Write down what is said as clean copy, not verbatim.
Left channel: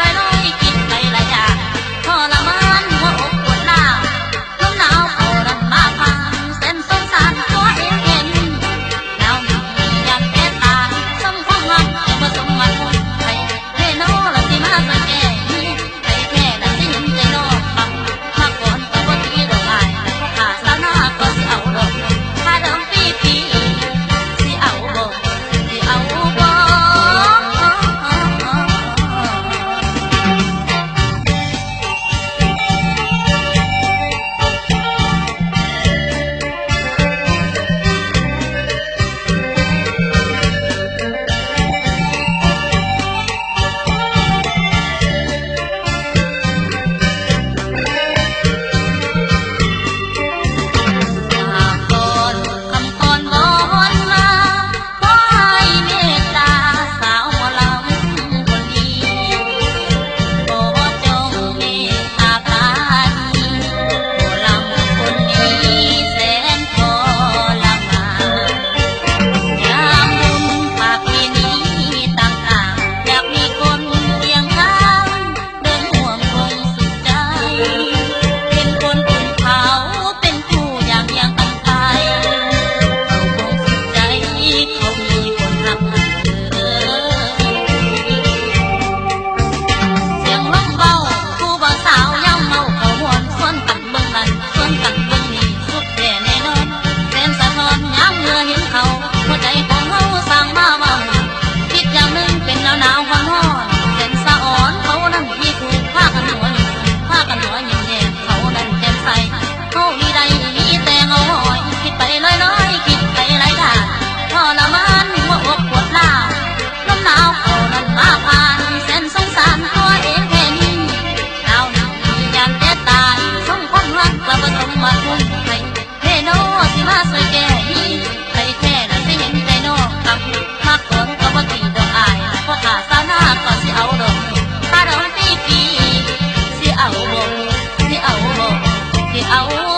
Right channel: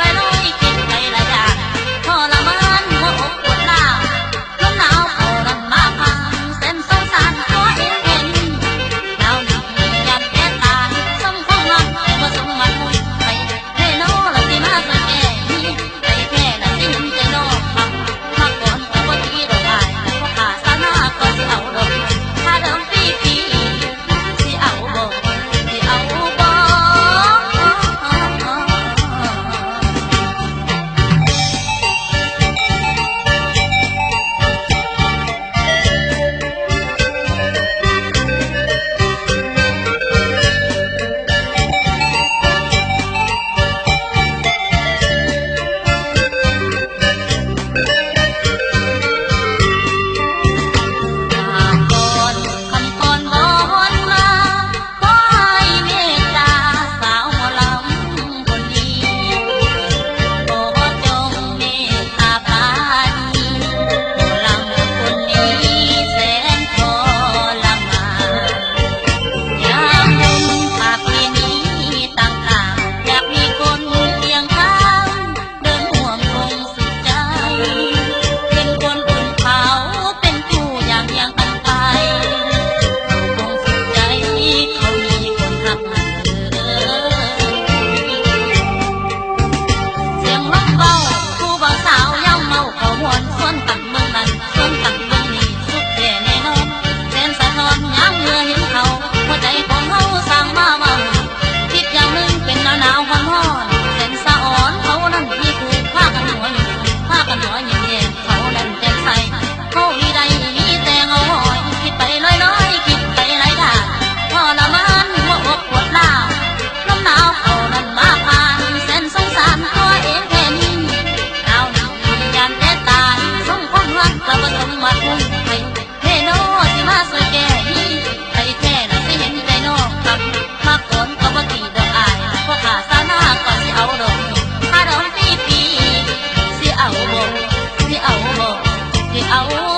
ลอยๆจิตใจหลายอย่างทรมานหัวอกปวดหน้าลมหนาวเขาดันมาพังเส้นสงสารตัวเองเห็นหนาวหนักยันแก่ตายสมความรักผสมมาคุยไปเธอโน่ละสิมาสังเกตไปแค่ละสิเห็นใจนอกฟังมาก่อนก็บ่ดีดอกไม้แต่พอขาสานาก็สิเอาดอกถ้าเดิมปีสิเอาบ่สิเอาบ่ ส่วนตังเบิ่งนี่สุดแก่แน่นอนแสนสะท้อนย้ำเมื่อเห็นเขาหัวใจของเฮาสร้างมาว่าคิดอย่างหนึ่งเป็นหนาวหนาวร้อนร้อนแสนสะอ่อนเขานั้นมีถูกผ้ากันหัวหนึ่งผ้ากันหัวหนึ่งแย่เขานั้นแจ่มใสเขามีใดมีแต่เงาหอยคิดไปลอยๆคิดไปหลายอย่างทรมานหัวอกปวดหน้าลมหนาวเขานั้นมาผ่านแสนสงสารตัวเองเห็นหนาวหนักยามแก่ตายส่งความรักก็บ่ต้องมาคุ้มให้เฮโนสิมาสวยแก่นี้ไปแค่น่ะสิเห็นใจนอกกลับมาก่อนก็บ่ตีดอกอายเพราะขาสานาก็สิเอาดอกถ้าดอกสิเอาบ่สิเอา